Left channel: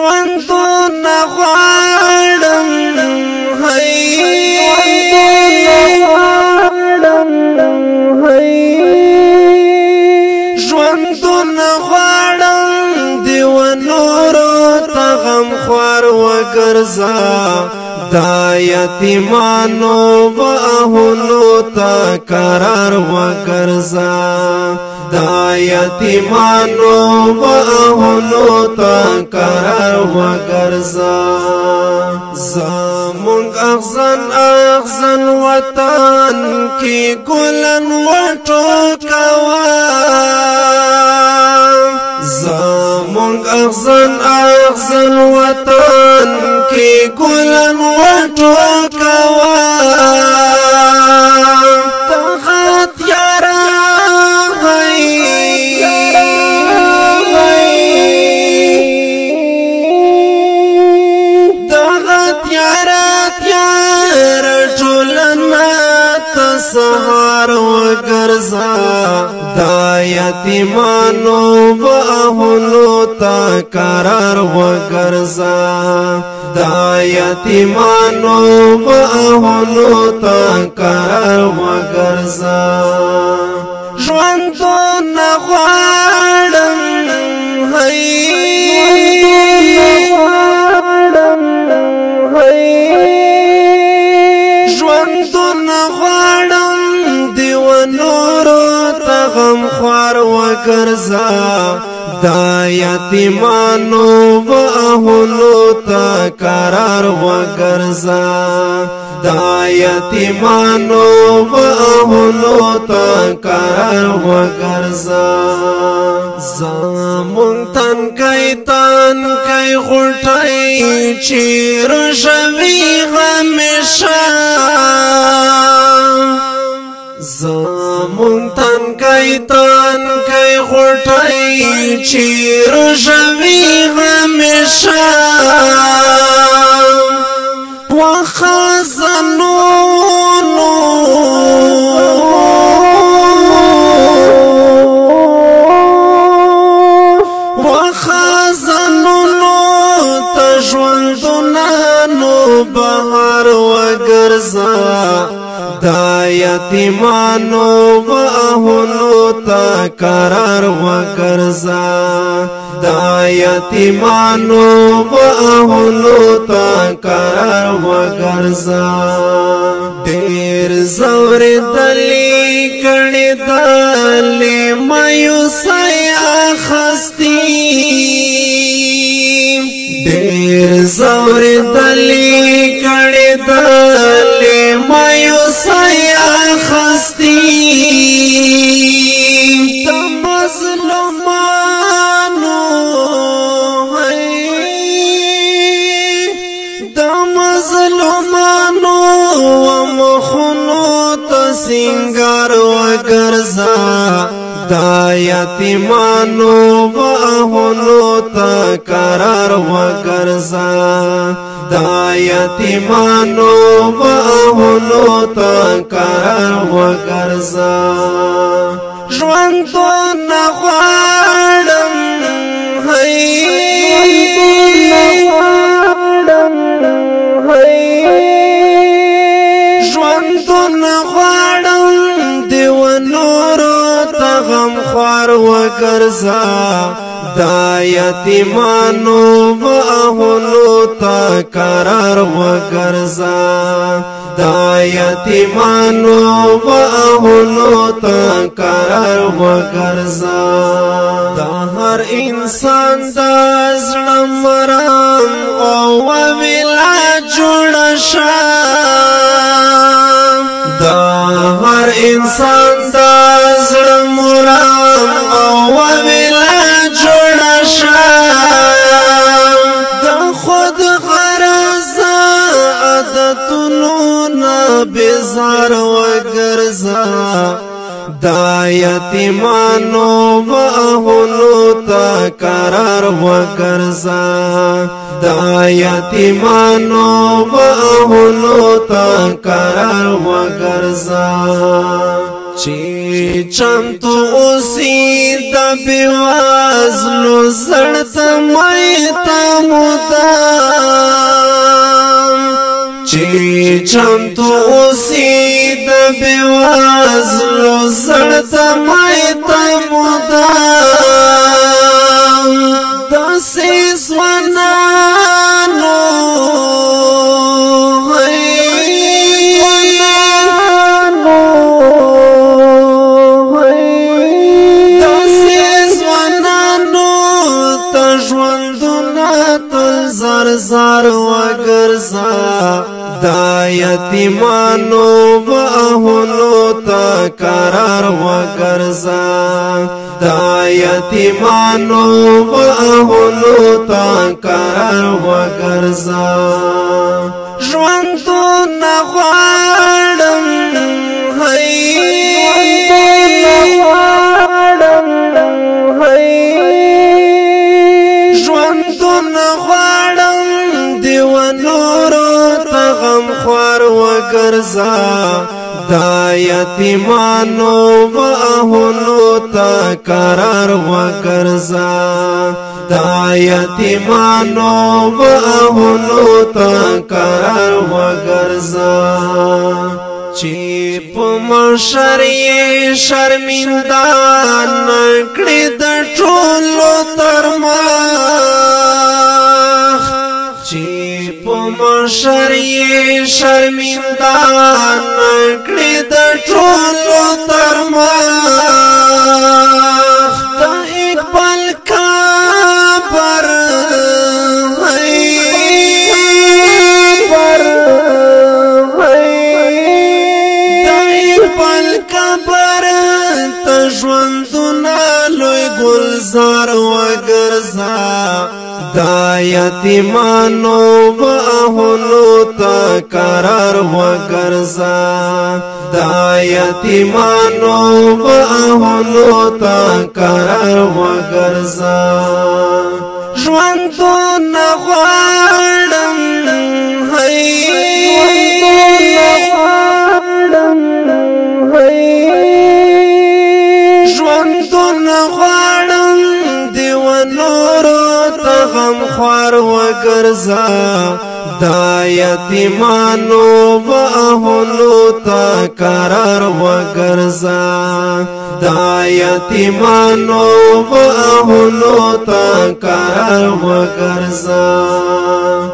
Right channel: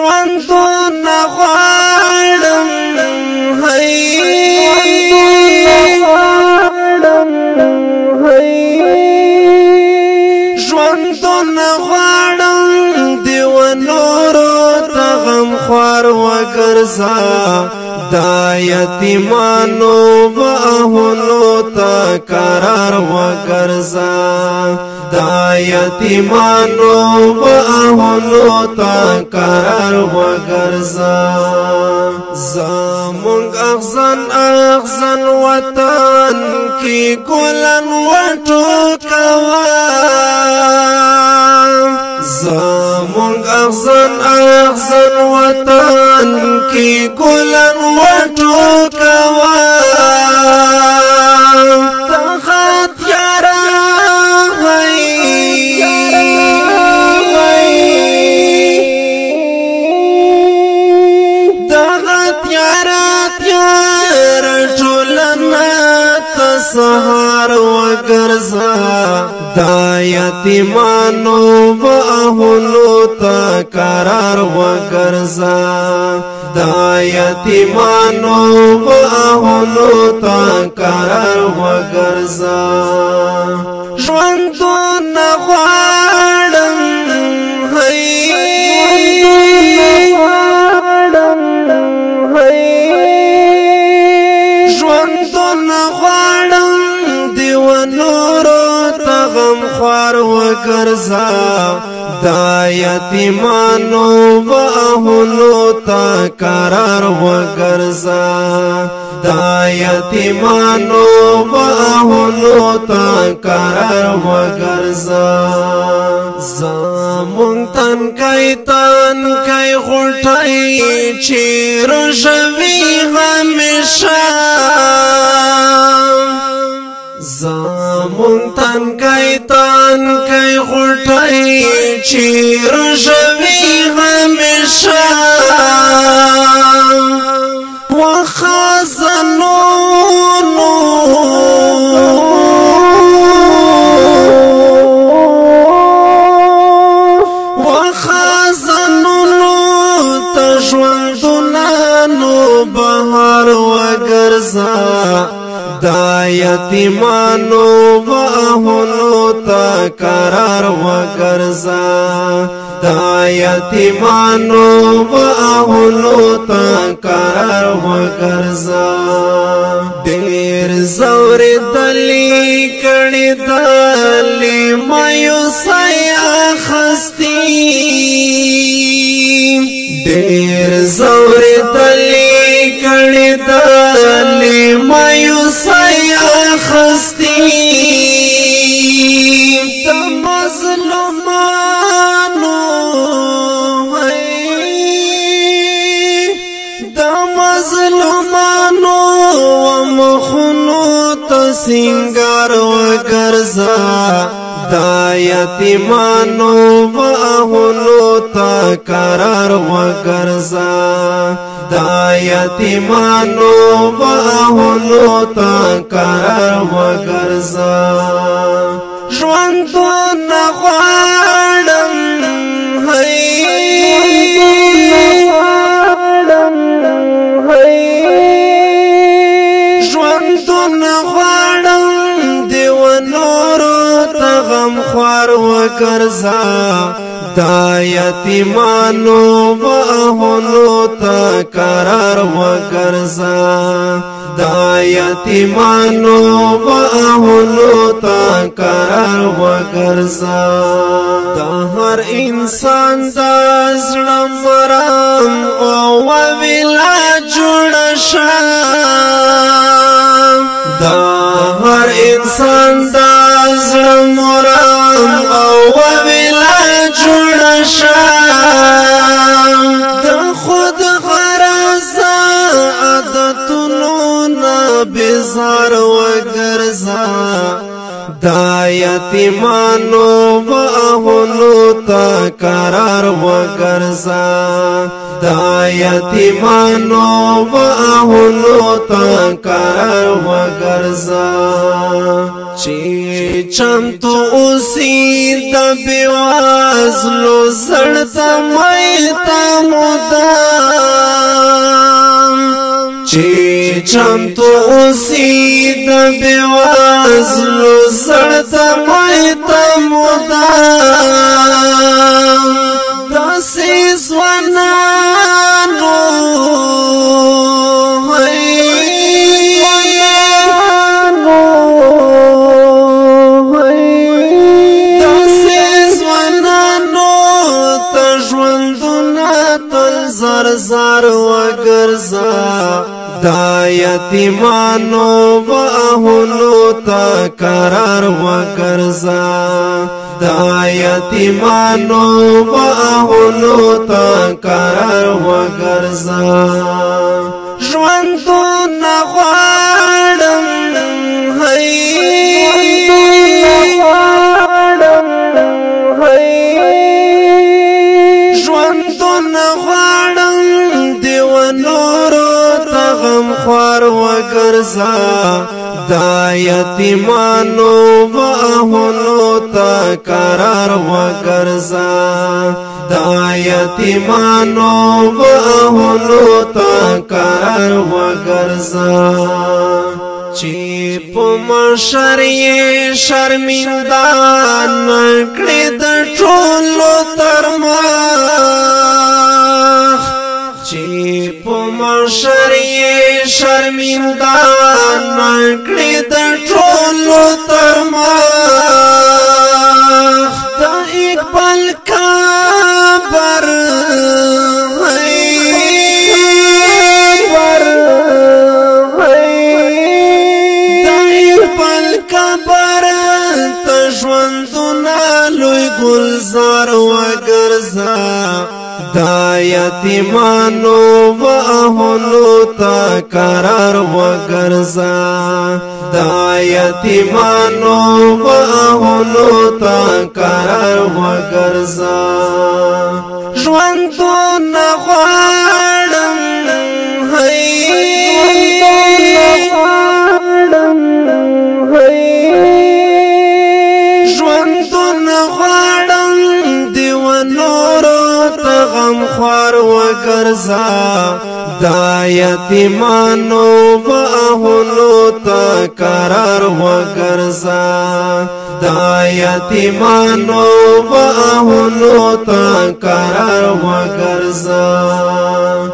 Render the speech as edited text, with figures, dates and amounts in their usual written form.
ژوندون غواړم ژوندون غواړم دیو نورو ته غمخوار وګرځه دا یتیمانو باهونو ته قرار وګرځه دا یتیمانو باهونو ته قرار وګرځه زمونږ اغزن وطن کې ګلن وټوکوه زمونږ اغزن وطن کې ګلن وټوکوه سهار وګرځه دا یتیمانو باهونو ته قرار وګرځه دا یتیمانو باهونو ته قرار وګرځه ژوندون غواړم غمخوار وګرځه دا یتیمانو باهونو ته قرار وګرځه دا یتیمانو باهونو ته قرار وګرځه زمونږ تنکۍ غوټۍ چې روژوي همیشه زمونږ تنکۍ غوټۍ چې روژوي همیشه وخزنونو ته ژوندونانو بهار وګرځه دا یتیمانو باهونو ته قرار وګرځه دا یتیمانو باهونو ته قرار وګرځه ډېر زورېدلې کړې دلې مایوسۍ اخستې ډېر زورېدلې کړې دلې مایوسۍ اخستې د مظلومانو مخونو ته سینګار وګرځه دا یتیمانو باهونو ته قرار وګرځه دا یتیمانو باهونو ته قرار وګرځه ژوندون غواړم ژوندون غواړم دیو نورو ته غمخوار وګرځه دا یتیمانو باهونو ته قرار وګرځه دا یتیمانو باهونو ته قرار وګرځه د هر انسان د زړه مرام او ویلا جوړ شه د هر انسان د زړه مرام او ویلا جوړ شه د خود غرض عادتونو نه بیزار وګرځه دا یتیمانو باهونو ته قرار وګرځه دا یتیمانو باهونو ته قرار وګرځه چې چمتو اوسې د بېوزلو زړه ته مایته مو مدام چې چمتو اوسې د بېوزلو زړه ته مایته مدام داسې ځوانانو زر زر وگرزا دا یتیمانو و اهلو تا قرار وگرزا دا یتیمانو و اهلو تا قرار وگرزا ژوندو نغواړم خوار وگرزا دا یتیمانو و اهلو تا قرار وگرزا دا یتیمانو و اهلو تا قرار وگرزا چی پا مشری شرمنده نکڑی دا ټولو ترمخ چی پا مشری شرمنده نکڑی دا ټولو ترمخ دا اقبال کابر دا اقبال کابر تژوندونه لوی گلزار وگرزا دا یتیمانو و اهلو تا قرار وگرزا دا یتیمانو و اهلو تا قرار وگرزا ژوندو نغواړم ژوندو نغواړم غم خوار وگرزا دا یتیمانو و اهلو تا قرار وگرزا دا یتیمانو و اهلو تا قرار وگرزا